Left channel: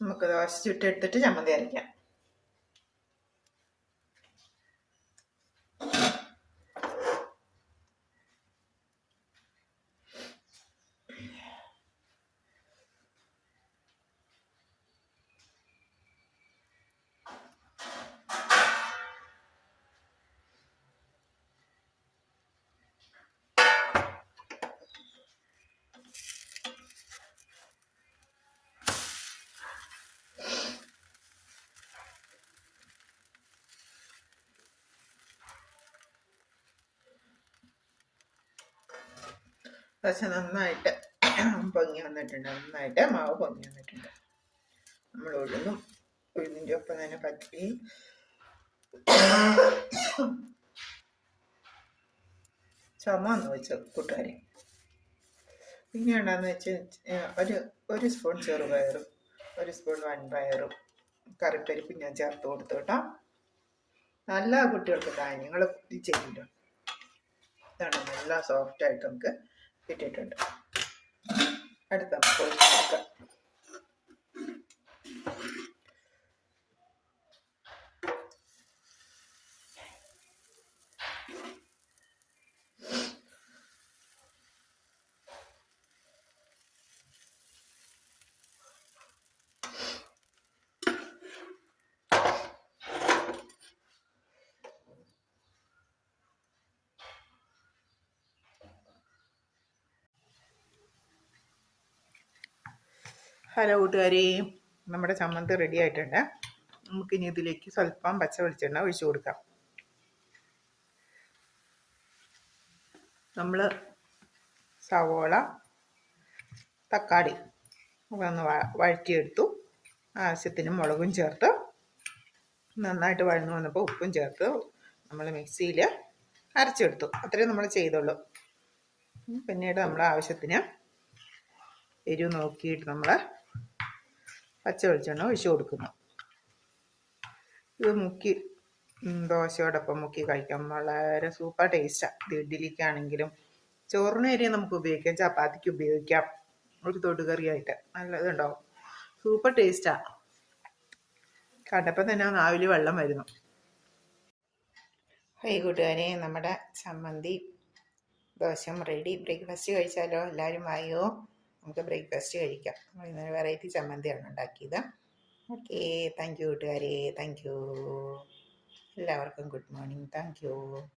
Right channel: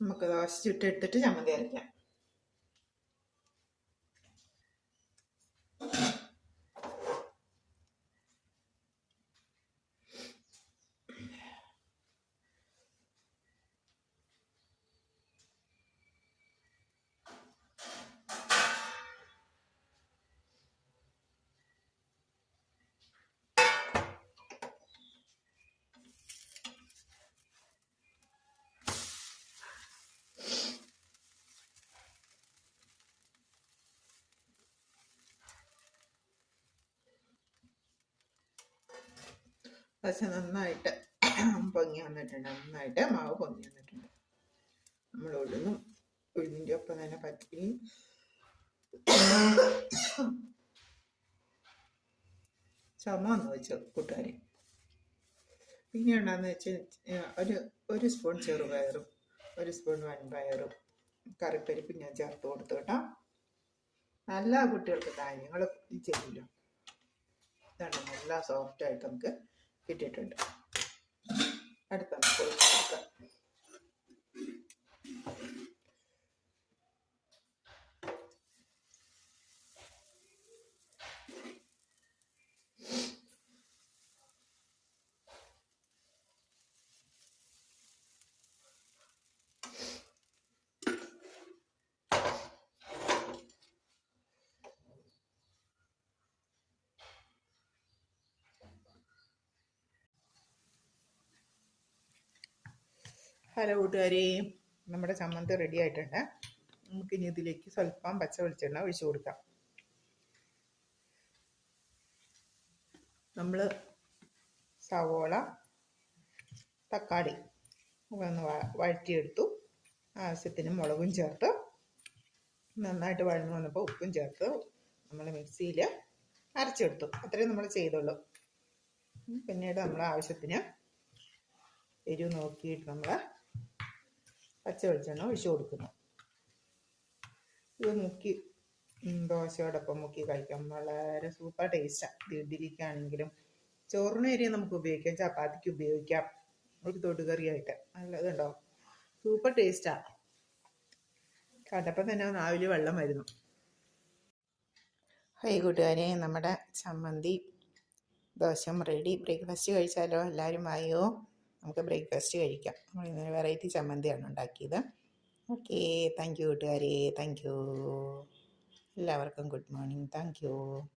നമുക്ക് ദോശ ചുട്ടെടുത്തിട്ട് ചമ്മന്തി അരയ്ക്കാം. പക്ഷെ നന്നായിട്ട് പൊങ്ങി വന്നിട്ടുണ്ട്. നന്നായിട്ട് മാവ് പൊങ്ങി വന്നിട്ടുണ്ട്. നമ്മൾ ഉഴുന്നിൻ്റെ ഒപ്പം തന്നെ പച്ചരിയും ചുമന്ന് വെച്ച കൂട്ടുകാരി. പിന്നെ ഉണ്ടാന്ന് വെച്ച് ഒരു സ്പൂൺ ചെറുപയറും 1 സ്പൂൺ വൻപയറും കറിപ്പരിപ്പും ഞാൻ ചേർത്ത് കൊടുത്തു കേട്ടോ. നല്ല കുട്ടികൾക്ക് ധാന്യങ്ങൾ ചെയ്യില്ല. ഇതാണ് നല്ല സോഫ്റ്റായിട്ട് നമുക്ക് കിട്ടിയിട്ടുണ്ട്. അടുത്ത നമുക്ക് ഹലോ കൂട്ടുകാരി, നമ്മുടെ ചമ്മന്തി റെഡി ആയിട്ടുണ്ട്. നമുക്കിനി ഇതിലേക്ക് സ്വല്പം പച്ച വെളിച്ചെണ്ണ ഒഴിച്ചു കൊടുക്കാം. നമ്മൾ സവോള, തക്കാളി ഒന്ന് വഴറ്റിയെടുത്തു. ആവശ്യത്തിന് മുളകും ചേർത്ത് നന്നായിട്ട് വഴന്നു വന്നപ്പോൾ ഉപ്പും ചേർത്ത് നമ്മൾ മിക്സിയിൽ അരച്ചെടുത്തു. അത്രയും നമ്മൾ ചെയ്തുള്ളൂ. പിന്നീട് നമ്മൾ ആവശ്യത്തിന് എരിവ് നോക്കിയിട്ട് നമ്മൾ പച്ച വെളിച്ചെണ്ണ ഒഴിച്ചു കൊടുക്കുന്നു. ഇത് മുക്കി ദോശയോടൊപ്പം മുക്കി കഴിക്കാം. വളരെ സൂപ്പർ ടേസ്റ്റാണ്. ഇത് ഇഡ്ഡലിക്കാണെങ്കിലും ചോറിന് അരി നമുക്ക് ഉപയോഗിക്കാം, ചപ്പാത്തിക്ക് ഉപയോഗിക്കാം, ഒരു തൊടുകറിയായിട്ട് നല്ലതുണ്ടാവും. സൂപ്പർ ടേസ്റ്റാണ്. കണ്ടപ്പോൾ തന്നെ നാവിൽ വെള്ളം വരുന്നു. ഹൈ കൂട്ടുകാരെ, നമ്മുടെ ചമ്മന്തി ദോശയും റെഡി. ബ്രേക്ക്ഫാസ്റ്റ് കഴിച്ചാലോ? എല്ലാവരും വായോ, നമുക്ക് ബ്രേക്ക്ഫാസ്റ്റ് കഴിക്കാം. ഇന്നൊരു വെറൈറ്റി ചമ്മന്തിയാണ് ഉണ്ടാക്കിയത്. ഓക്കെ, താങ്ക് യു കൂട്ടുകാരെ. Thank you. എല്ലാവർക്കും ഗുഡ് മോർണിംഗ്. Thank you.